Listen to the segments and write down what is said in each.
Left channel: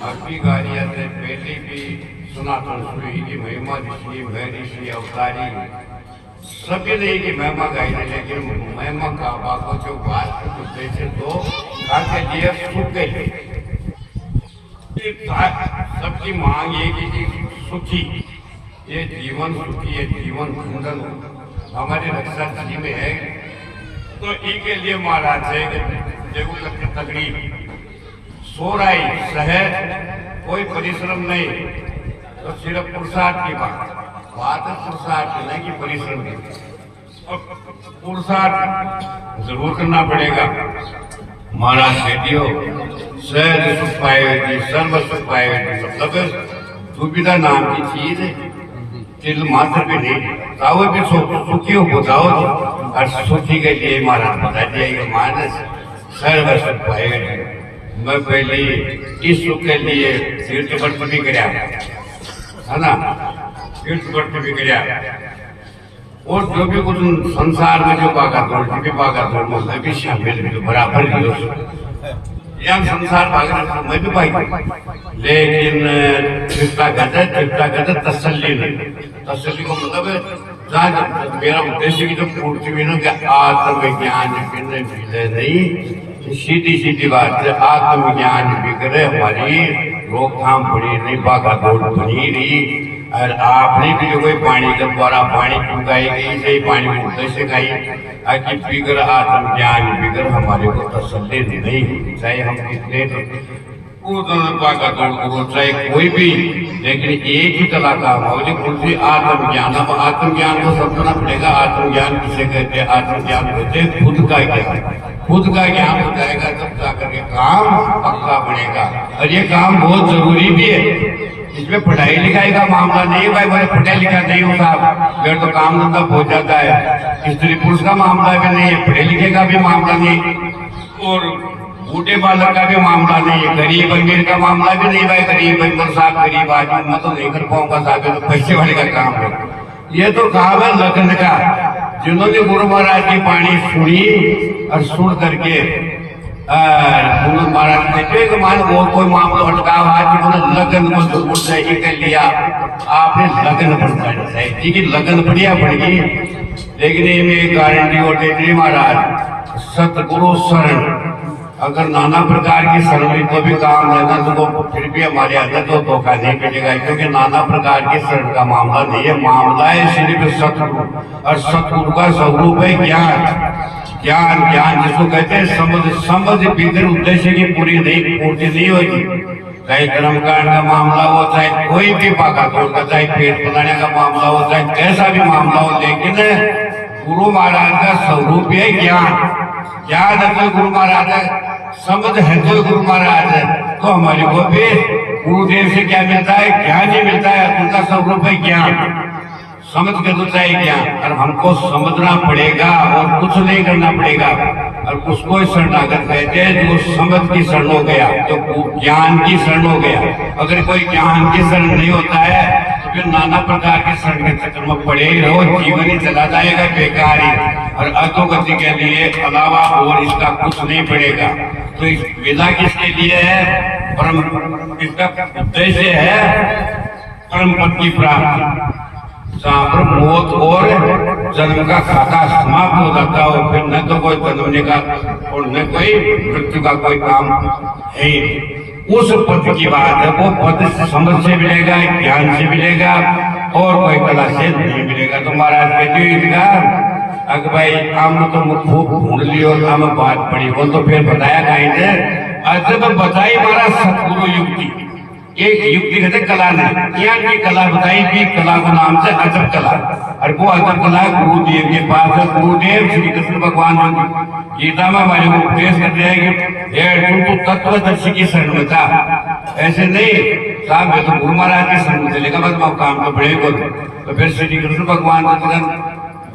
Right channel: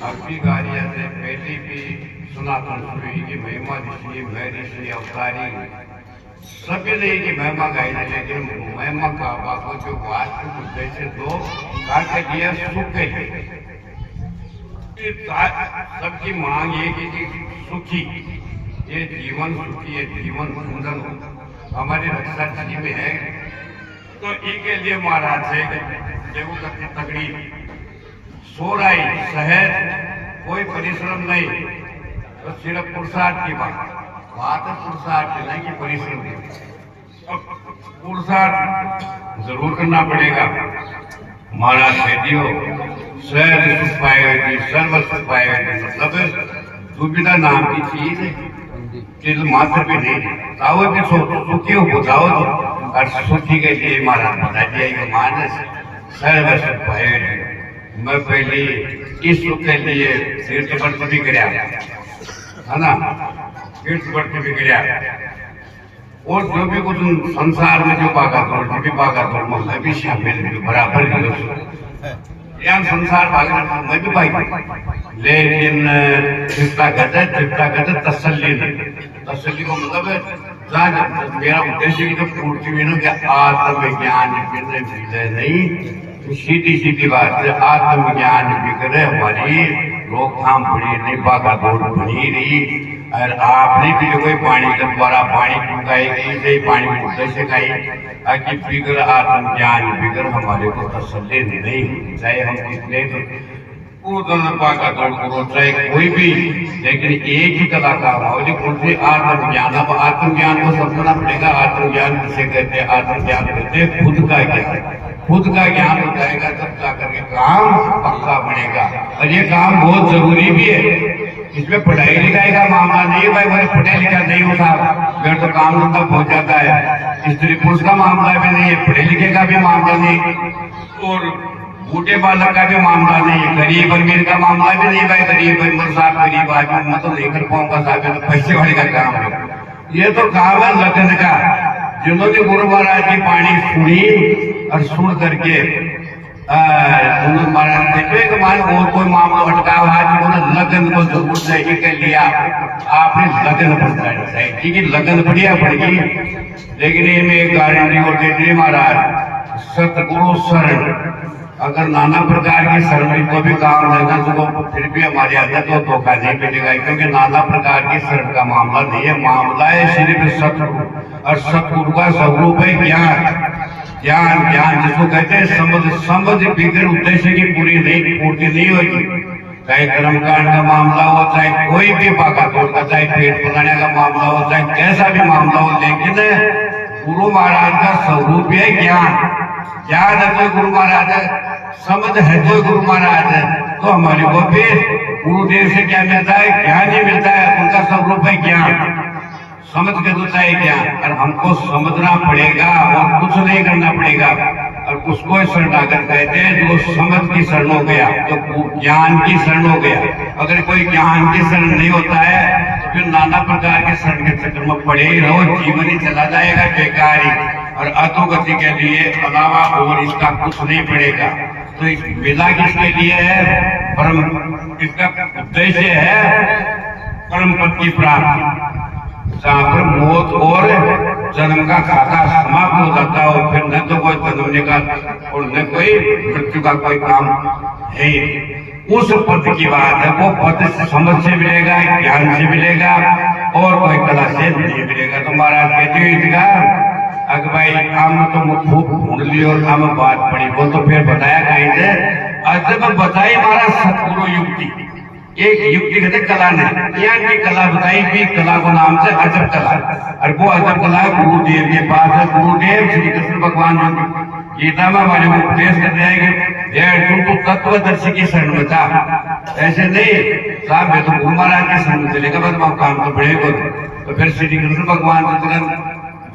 भक्ति कार्य से पहले भी सनातन सूर्य की महिमा ऋषि मैं ऋषि अवतारी सभी ने की महिमा गाई है, लेकिन महिमा का बाको जो बात जैसे तो घर के लिए सुख के लिए सबकी मांग ये कि सुखी ये जीवन सुखी है, जीवन सुंदर हमारी रक्षा जी में है। तो इनके लिए महाराज है देखो सबकी तकलीफ सो रही सहज कोई परिश्रम नहीं, तो सिर्फ पुरुषार्थ की बात है पुरुषार्थ की नहीं कि परिश्रम की। और पुरुषार्थ जरूर करना पड़ेगा। महाराज बेटियों सहज सुख पाएगी, सर्व सुख पाएगी, मतलब सुविधा नाम की चीज चिल मात्र भी नहीं ताओ भी सुखी हो बताओ तो और सुखी के लिए महाराज बता दिया ये मानस सर्व सुख पाएगी। मैं पहले इस सुख के लिए तीर्थ व्रत भी कराया है ना, तीर्थ व्रत भी कराया और जो भी कुछ संसार में जो भागा दौड़ भी भागा दौड़ मैं भी शामिल बराबर यहाँ संसार भागने मैं भी भाई, लेकिन चिंता कहते तसल्ली नहीं। तसल्ली को मतलब है मेरा उद्देश्य की जो पूर्ति हुई ना कि आत्मज्ञान मिले नहीं, सीधी सीधी बात है आत्मज्ञान बिगड़े हमारी रोकथाम बड़ी नहीं, भागा दौड़ बनी रही। और आपने भी जो कोई पानी जब द्वारा पानी पहुंचाई गई से पानी को से खाई आखिर बिगड़ आत्मज्ञान बिगड़ हमारे को तसल्ली नहीं, चाहे हम कितने भागा दौड़ करो चाहे कोई भी, लेकिन एक ही कलाकार हो उनसे आत्मज्ञान। अब आत्मज्ञान को समझना पड़ेगा। आत्मज्ञान किसे कहते हैं? आत्मज्ञान कहते हैं खुद का ज्ञान। खुद का ज्ञान हो जाएगा तब जाकर के काम पक्का बनेगा। और ये काम बहुत जरूरी भी है, इसमें पढ़ाई लिखाई का मामला नहीं है भाई, पढ़ा लिखा नहीं हो साहब फिर तो काम धंधा हो जाता है। स्त्री पुरुष का मामला भी नहीं है, पढ़े लिखे का भी मामला नहीं, और बूढ़े बालक का भी मामला नहीं है, गरीब अमीर का मामला भी नहीं भाई। गरीब भाई साहब गरीब आदमी मैं तो नहीं कर पाऊंगा साहब, तो पैसे वाले का काम है। ये तो काम है लग्न का। जिन्होंने गुरु महाराज की वाणी सुनी और सुन करके गुरु महाराज ने मान और कोई मामला अटका हुआ कि लगन को जरूर चाहिए कर लिया, आपने लगन बढ़ाना चाहिए। ठीक है लगन बढ़िया पड़ेगी, लेकिन इनमें गारंटी और देती महाराज सतगुरु शरण। अगर नाना प्रकार की शरण तो भी काम लेना तो फिर भी हमारे आदत तो धोखा नहीं मिलेगा, क्योंकि नाना प्रकार की शरण का मामला नहीं है, मामला है सिर्फ सतगुरु। और सतगुरु का स्वरूप है ज्ञान। ज्ञान ज्ञान जिसको कहते हैं समझ। समझ बिगड़ उद्देश्य की पूर्ति नहीं होगी। चाहे कर्मकांड का मामला हो, चाहे कोई भी पाका तोड़ का, चाहे पेट बनाने का मामला हो, चाहे कैसा भी मामला हो, लेकिन गुरु महाराज का स्वरूप है ज्ञान। ज्ञान है तो गुरु महाराज है, समझ है तो गुरु महाराज है। तो हमारे को भी गुरुदेव से क्या मिलता है? ज्ञान ही मिलता है। उनका स्वरूप है ज्ञान। समझ के तो चाहिए ज्ञान, और हमको समझना पड़ेगा और कुछ नहीं करना पड़ेगा। और उसको शरणागत कहते हैं जो समझ की शरण हो गया, तो ज्ञान की शरण हो गया। अगर कोई ज्ञान की शरण नहीं होता है तो फिर नाना प्रकार के शरण के चक्कर में पड़े ही रहो, जीवन ही चला जाएगा बेकार ही, और अधोगति के लिए अलावा और इसका कुछ नहीं पड़ेगा। तो इस विदा किसके लिए है? परम, इसका उद्देश्य है परम पद की प्राप्ति। जहाँ पर मौत और जन्म का खाता समाप्त हो जाता है, और फिर न तो कोई जन्मने का और न कोई मृत्यु का कोई काम है। उस पद की बात है, वो पद समझ से मिलेगा, ज्ञान से मिलेगा, और कोई कला से नहीं मिलेगा। तो महाराज कहते इसका अगर भाई हम तो खूब ढूंढ लियो और हम बात पड़ी वो तो फिर बताया कहीं से अजब बताई महाराज सतगुरु युक्ति। एक युक्ति कहते कला नहीं, ज्ञान की कला बताई भी, कला का नाम से अजब कला। और वो अजब कला गुरुदेव के पास है। गुरुदेव श्री कृष्ण भगवान गीता में हमारे को उपदेश करते हैं कि तुम तो तत्वदर्शी की शरण में था, ऐसे नहीं साहब मैं तो गुरु महाराज की शरण में चलेगा, बस मैं काम तो बड़े करूं। तो फिर श्री कृष्ण भगवान को तुरंत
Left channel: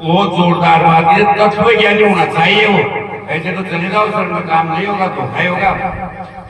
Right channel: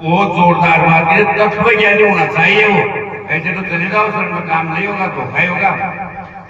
बहुत जोरदार बात है, तत्व ज्ञानी होना चाहिए वो। ऐसे तो चले जाओ शरण में काम नहीं होगा तो है होगा,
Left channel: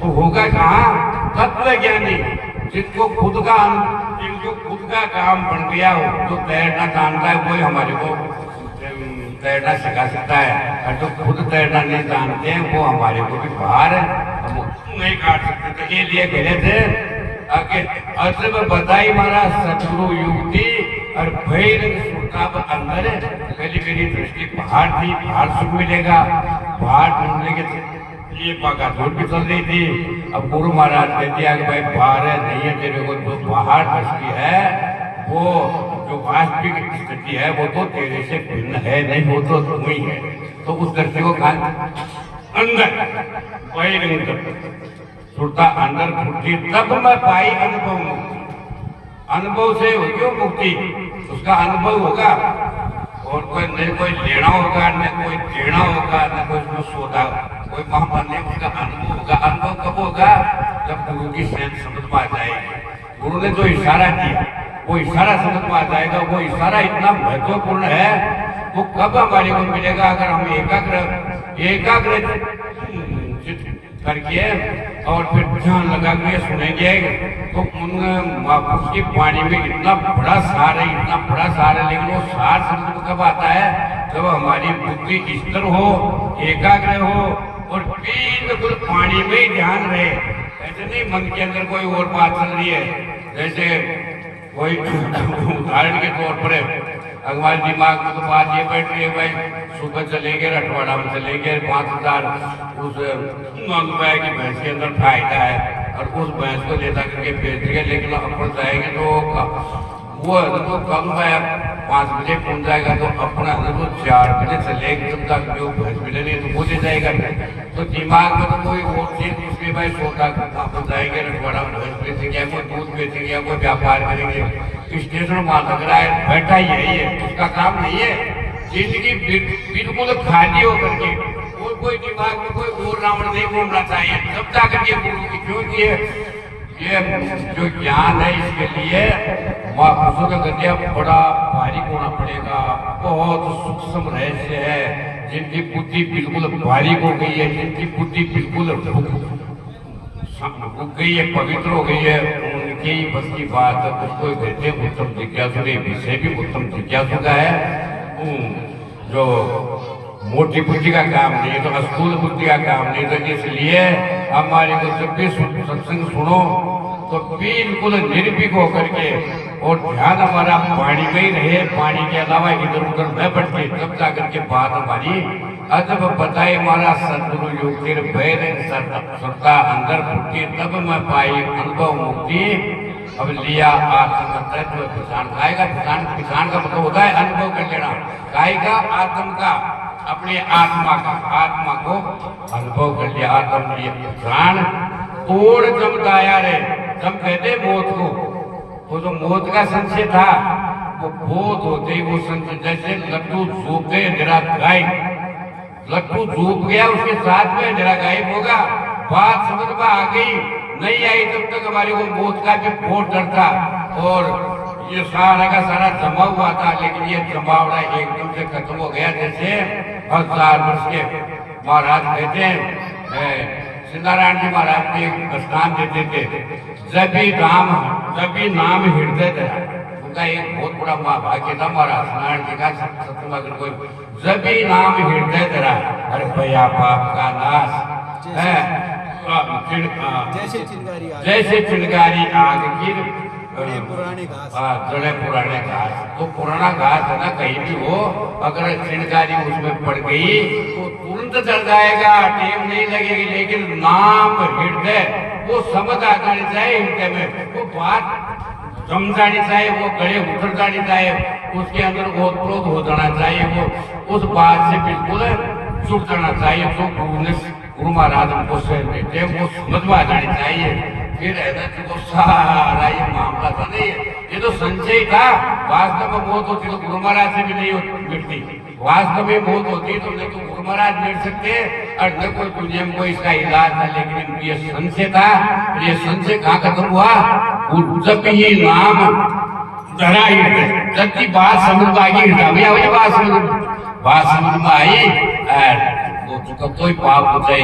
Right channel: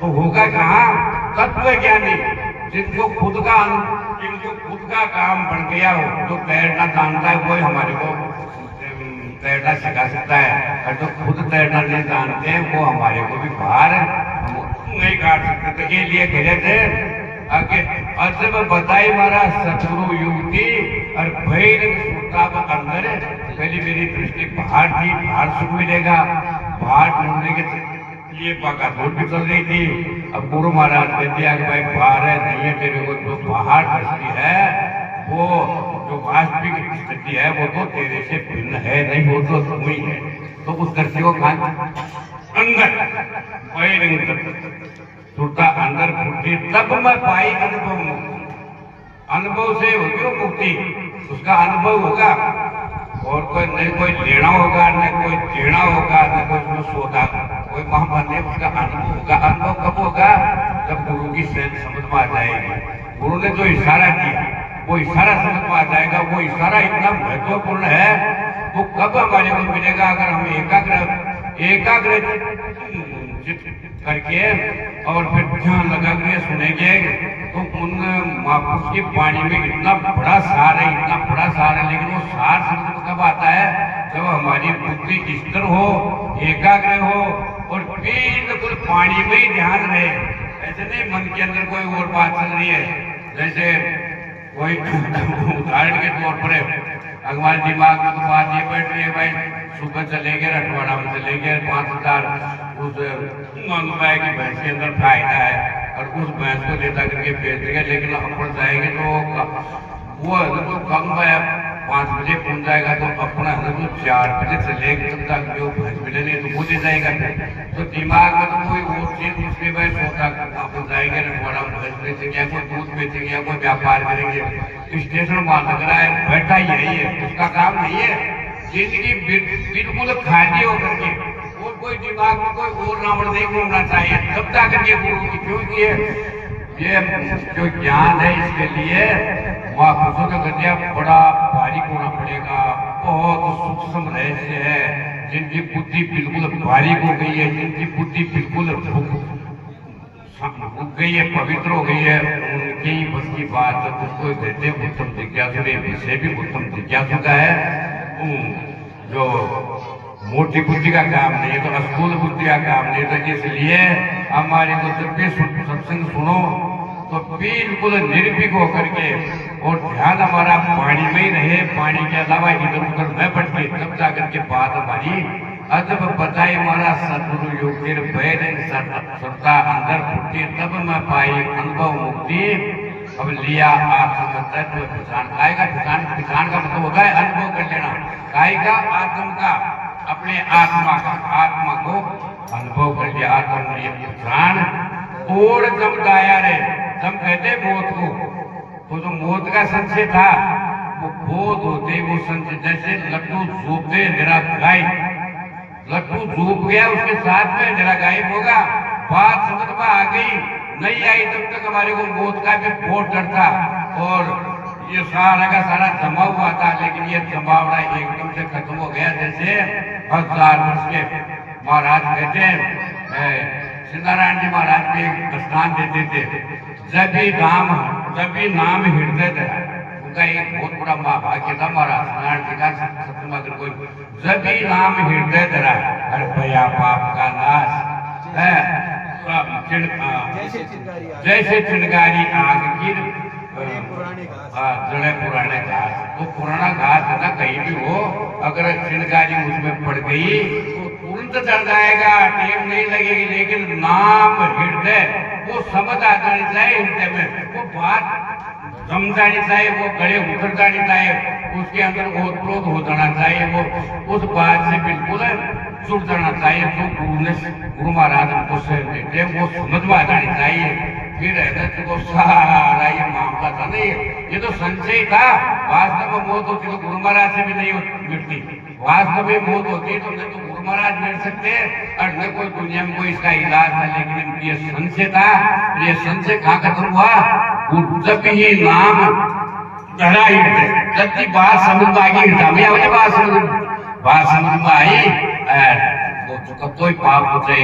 तो होगा कहाँ? तत्व ज्ञानी जिनको खुद का काम बन गया हो, जो तैरना जानता है वो हमारे को तैरना सिखा सकता है। और जो खुद तैरना नहीं जानते हैं वो हमारे को भी बाहर नहीं काट सकते थे, ये लिए कह रहे थे आगे अजब बताई मारा सतगुरु युक्ति और भैरव सुरताप अंदर पहली मेरी दृष्टि बाहर थी, बाहर सुख मिलेगा, बाहर ढूंढने के लिए बाका जोड़ भी चल रही थी। अब गुरु महाराज कहते हैं कि भाई बाहर है नहीं है, तेरे को जो बाहर दृष्टि है वो जो वास्तविक स्थिति है वो तो तेरे से भिन्न है नहीं, वो तो तुम ही है। तो उस दृष्टि को कहा अंदर सुरता अंदर फूटती, तब मैं पाई अनुभव मुक्ति। अनुभव से होगी मुक्ति, उसका अनुभव होगा और कोई न कोई लेना होगा न कोई देना होगा न कोई उसमें सोता कोई महापन्ने, उसका अनुभव होगा। अनुभव कब होगा? जब गुरु की समझ में आ जाएगी। गुरु ने जो इशारा किया वो इशारा समझ में आ जाएगा। वो इशारा इतना महत्वपूर्ण है, वो कब हमारे को मिलेगा? अगर हम एकाग्र करके और फिर ध्यान लगा के सुनेंगे तो उन महापुरुष की वाणी में इतना बड़ा सार है, इतना बड़ा सार है। लेकिन वो सार समझ में कब आता है? जब हमारी बुद्धि स्थिर हो, एकाग्र हो और बिल्कुल पानी में ही ध्यान रहे। ऐसे नहीं मन के अंदर कोई और बात चल रही है। जैसे कोई उदाहरण के तौर पर हमारे दिमाग में तो बात ये बैठ रही है भाई सुबह चलेंगे रटवाड़ा में चलेंगे 5000 उस अनुपाय की भैंस के अंदर फायदा है और उस भैंस को लेता करके बेच देंगे। लेकिन अपन जाएंगे तो वो तो कम है 5 बजे पहुंच जाएगा, तो अपना तो 4 बजे चलेगा तब तक जो भैंस मिले नहीं तो वो दे जाएगा। तो दिमाग में तो कोई और चीज दूसरे भाई सोता अपन जाएंगे रटवाड़ा में भैंस बेचेंगे, कोई दूध बेचेंगे या कोई व्यापार करेंगे। स्टेशन महानगर आए बैठा यही है, उसका काम नहीं है। जिंदगी बिल्कुल खाली होकर के और कोई दिमाग में कोई और रावण नहीं घूमना चाहिए तब जाकर के गुरु की, क्योंकि ये जो ज्ञान है इसके लिए महापुरुषों का गद्या बड़ा भारी होना पड़ेगा। बहुत सूक्ष्म रहस्य है। जिनकी बुद्धि बिल्कुल बारीक हो गई है, जिनकी बुद्धि बिल्कुल रुक गई है, पवित्र हो गई है, उनके ही बस की बात है। उसको कहते हैं उत्तम जिज्ञासु। विषय भी उत्तम जिज्ञासु का है। जो मोटी बुद्धि का काम नहीं है, तो स्थूल बुद्धि का काम नहीं है। तो इसलिए हमारे को जब भी सत्संग सुनो तो बिल्कुल निर्भीक होकर के और ध्यान हमारा पानी में ही रहे, पानी के अलावा इधर उधर न भटके, तब जाकर के बात हमारी अजब बताए हमारा सदगुरु युक्ति भैर सत्ता अंदर फूटी, तब मैं पाई अनुभव मुक्ति। अब लिया आत्म तत्व किसान खाएगा। किसान का मतलब होता है अनुभव कर लेना, गाय का आत्म का अपने आत्मा का, आत्मा को अनुभव कर लिया। आत्म लिए किसान तोड़ जब दाया रे, जब कहते मौत को, वो जो मौत का संशय था वो बोध होते वो संशय, जैसे लट्टू झूप गए निरा गायब, लट्टू झूप गया उसके साथ में निरा गायब होगा। बात समझ में आ गई नहीं आई तब तक हमारे को मौत का भी बहुत डर था और ये सारा का सारा जमा हुआ था। लेकिन ये जमावड़ा एकदम से खत्म हो गया। जैसे 1000 वर्ष के महाराज कहते हैं, सिद्धारायण जी महाराज के स्थान देते थे, जब भी नाम हृदय धरा। उनका एक बहुत बड़ा महाभाग्य था महाराज नारायण जी का सत्संग अगर कोई जब भी नाम हृदय धरा, अरे भैया पाप का नाश है। जैसे चिनगारी आग की जड़े पुराने घास। तो पुराना घास है ना, कहीं भी हो अगर चिनगारी उसमें पड़ गई तो तुरंत चढ़ जाएगा, टेम नहीं लगेगी। लेकिन नाम हृदय वो समझ आ जानी चाहिए, हृदय में वो बात जम जानी चाहिए, वो गले उतर जानी चाहिए, उसके अंदर ओतप्रोत हो जाना चाहिए, वो उस बात से बिल्कुल जुड़ जाना चाहिए। जो गुरु महाराज हमको शहर देते हैं वो समझ में आ जानी चाहिए। फिर को सारा ये मामला था नहीं, ये तो संशय था। वास्तव में मौत होती तो गुरु महाराज से भी नहीं मिटती। वास्तव में मौत होती तो न तो गुरु महाराज मिट सकते और न कोई दुनिया में कोई इसका इलाज था। लेकिन ये संशय था। ये संशय कहाँ खत्म हुआ? जब ही नाम धरा हृदय, जब की बात समझ में आई हृदय में, बात समझ में आई कोई पाप होते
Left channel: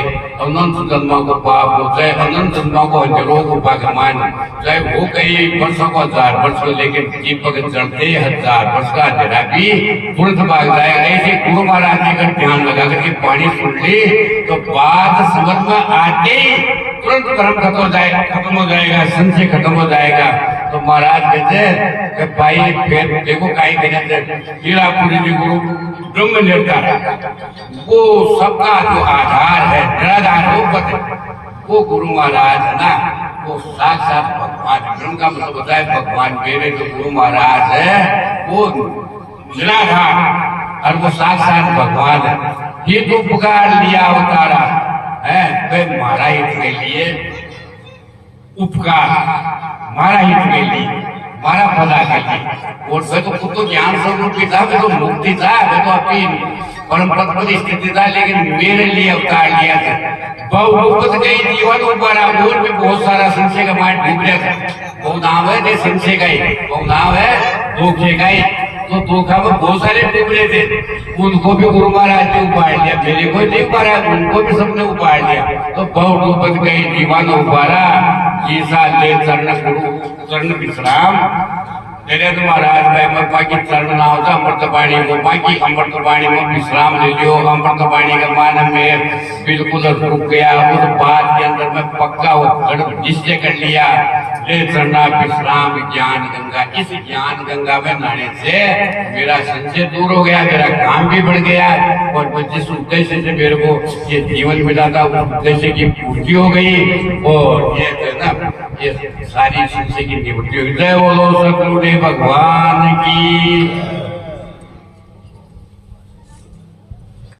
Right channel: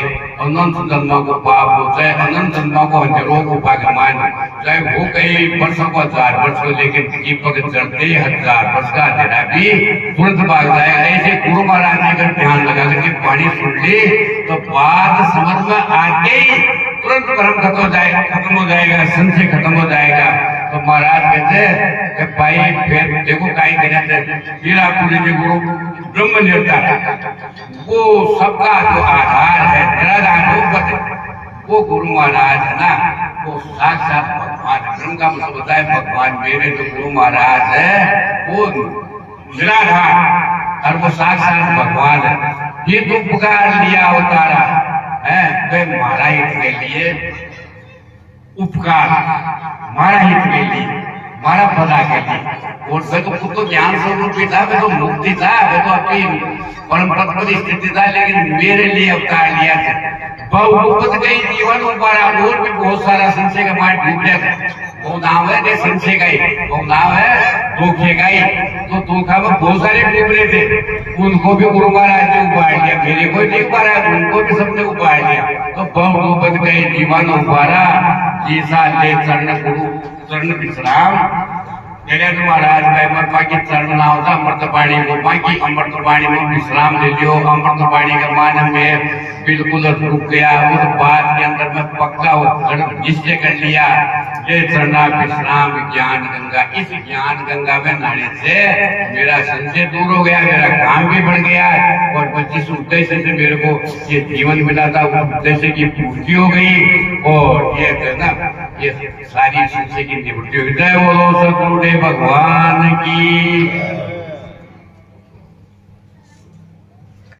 अनंत जन्मों को पाप होते अनंत जन्मों को हजारों को भगवान चाहे वो कई वर्षों को 1000 वर्ष हो, लेकिन दीपक चढ़ते 1000 वर्ष का अंधेरा भी तुरंत भाग जाएगा। ऐसे गुरु महाराज जी अगर ध्यान लगा करके पानी सुन ली तो बात समझ में आके ही तुरंत भ्रम खत्म हो जाएगा, संशय खत्म हो जाएगा। तो महाराज कहते भाई फिर देखो कहीं कहते हीरापुरी जी गुरु ब्रह्म निर्धार वो सबका जो आधार है निराधार वो गुरु महाराज है ना, वो साक्षात भगवान ब्रह्म का मतलब होता है भगवान। मेरे जो गुरु महाराज है वो निराधार और वो साक्षात भगवान है। ये तो पुकार लिया अवतारा है वे हमारा हित के लिए उपकार, हमारा हित के लिए, हमारा भला के लिए। और वे तो खुद तो ज्ञान स्वरूप था, वे तो मुक्ति था, वे तो अपनी परम पद पर स्थिति था, लेकिन मेरे लिए अवतार लिया था। बहुत गई जीवन उपारा और भी बहुत सारा संशय का माइंड डूब गया था। वो नाम है संशय का ही, वो नाम है धोखे का ही। तो धोखा में बहुत सारे डूब रहे थे, उनको भी गुरु महाराज ने उपाड़ लिया, मेरे को नहीं उपाड़ा, उनको भी सबने उपाड़ लिया। तो बहुत डूब गई जीवन उपारा जीसा ले चरण गुरु चरण विश्राम। मेरे तो महाराज में अमृत की चरण ना होता अमृत पानी को बाकी अमृत पानी में विश्राम ले लियो। अमृत पानी का मान में बिल्कुल रुक गया, उस बात के अंदर में पक्का निश्चय कर लिया ये चरना विश्राम ज्ञान गंगा। इस ज्ञान गंगा में नहाने से मेरा संशय दूर हो गया, मेरा काम भी बढ़ गया और जिस उद्देश्य से मेरे को ये जीवन मिला था उस उद्देश्य की पूर्ति हो गई। और ये है ना ये सारी संशय की निवृत्ति हो गई। जय बोलो सतगुरु भगवान की।